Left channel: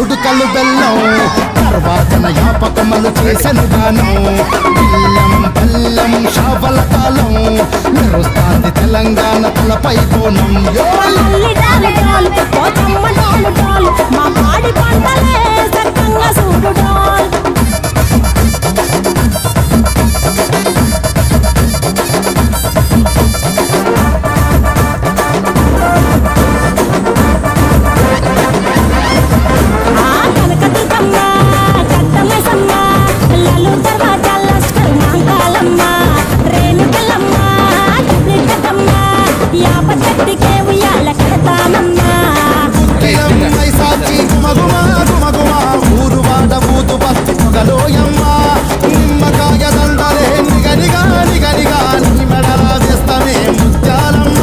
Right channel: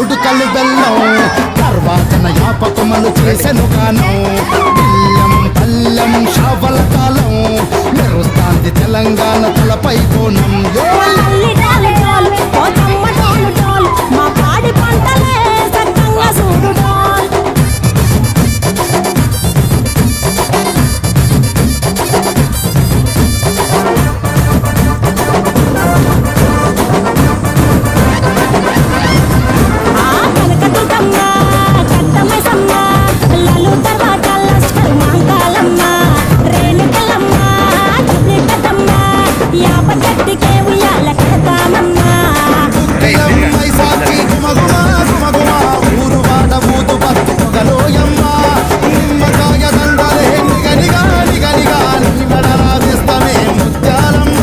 ఉడుకలు బెల్లం తర్వాతన యాపకమలు చేసెను గానం బిల్లం పల్లెం షావల కాలం మెరుస్తాంది తెలంగాణ తలపై కోణం మా పాడి పంటలే సక్కంగా చూడు డాల్ నిమ్మకాయ దండలే నిగనిగా నిగనిగా నీ మెడలా వేస్తమే ముత్యాలమ్మ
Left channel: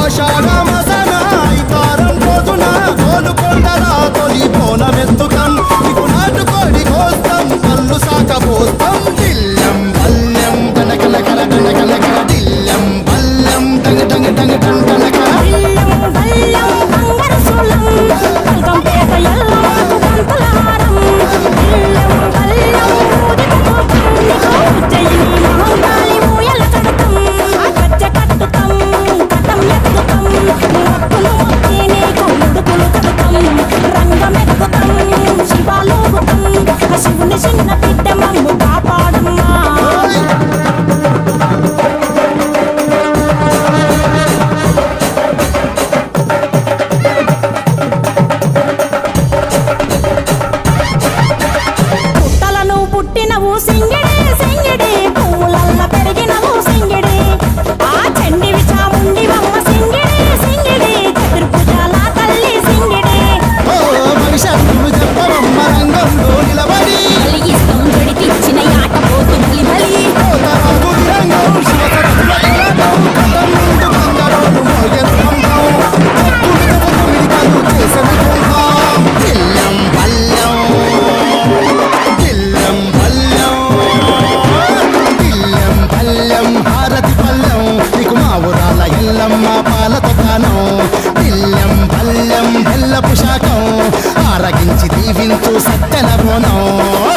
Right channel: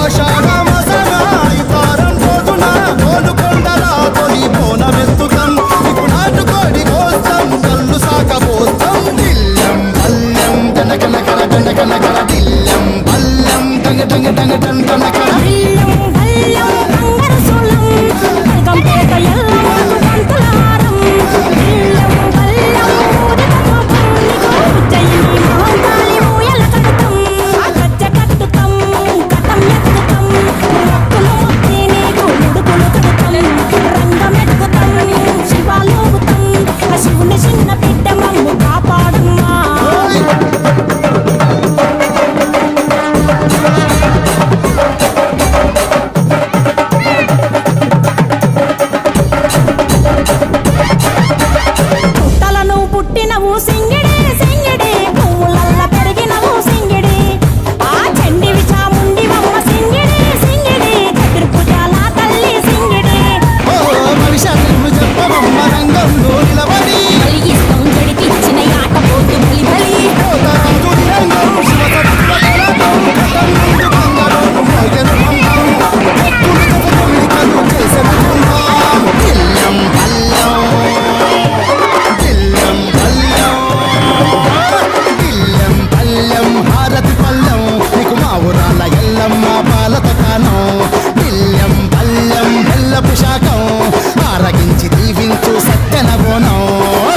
ఆషాఢ మాసన ఇతారం రోజున గోలుకొండలా తొలి బోనమెత్తుతాం నీకు నాటుకోడి కోస్తాం కళ్ళు సాకపోస్తాం దిల్లం పల్లెం దండకనకర దండకనకర దిల్లం పల్లెం డంగ డంగ డంగ డండనకర శివుని చిన్న బిడ్డ మమ్ము కాపాడమ్మా పుట్టలను పుట్టినవు సింగిడి సింగిడి పువ్వులల్ల పెరిగినవు సింగిడి ఆ చండివి చాముండివమ్మ సింగిడి సింగిడి చతుర్భుజాల తల్లి సింగిడి భవిష్యత్తు చెప్పవమ్మ రంగంలో నిలబడి కలిగిస్తాం జడితిచ్చిన ఆట పోతు బలి బలి రాజు నిరంగం శివసత్తుల కళాపం కథం ముందు గంగరోలు మోయను పంపం చెక్కులు కథ తొమిడికలు చేసెను కుంభం దిల్లం పల్లెం దిల్లం పల్లెం దిల్లం పల్లెం హారతి పల్లెం నీకు మా ఊరాల ఎల్లమ్మ పాలతో కానం దిల్లం పల్లెం బెల్లపు శాఖం ఆరగించి దీవించు సత్యన బోనం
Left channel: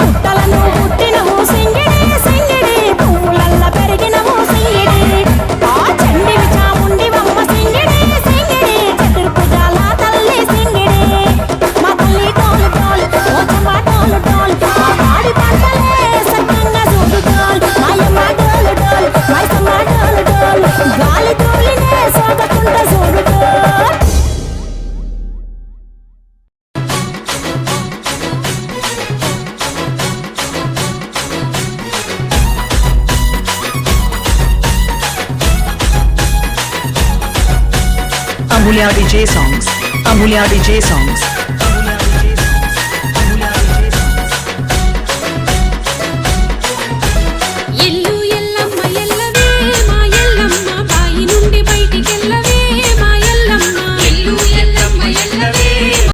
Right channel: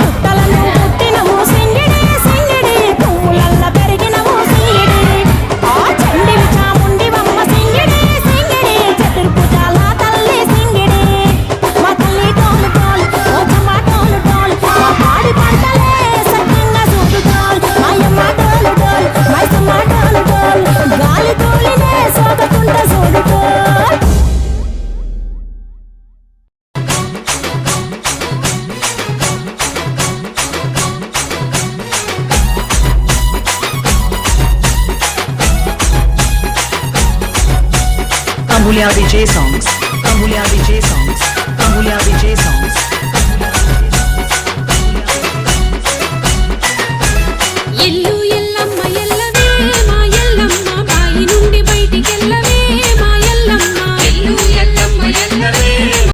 పుట్టలను పుట్టినవు సింగిడి సింగిడి పువ్వులల్ల పెరిగినవు సింగిడి ఆ చండివి చాముండివమ్మ సింగిడి సింగిడి చతుర్భుజాల తల్లి సింగిడి మా తల్లి టోలు టోల్ ఓ చమ్మ టోలు టోల్ మా పాడి పంటలే సక్కంగా చూడు టోల్ మాయమ్మ టోలు టోల్ మైసమ్మ టోలు టోల్ గాలి తోలినే సోకకుంట చూడు టోల్ Amulya DJ songs. Amulya DJ songs.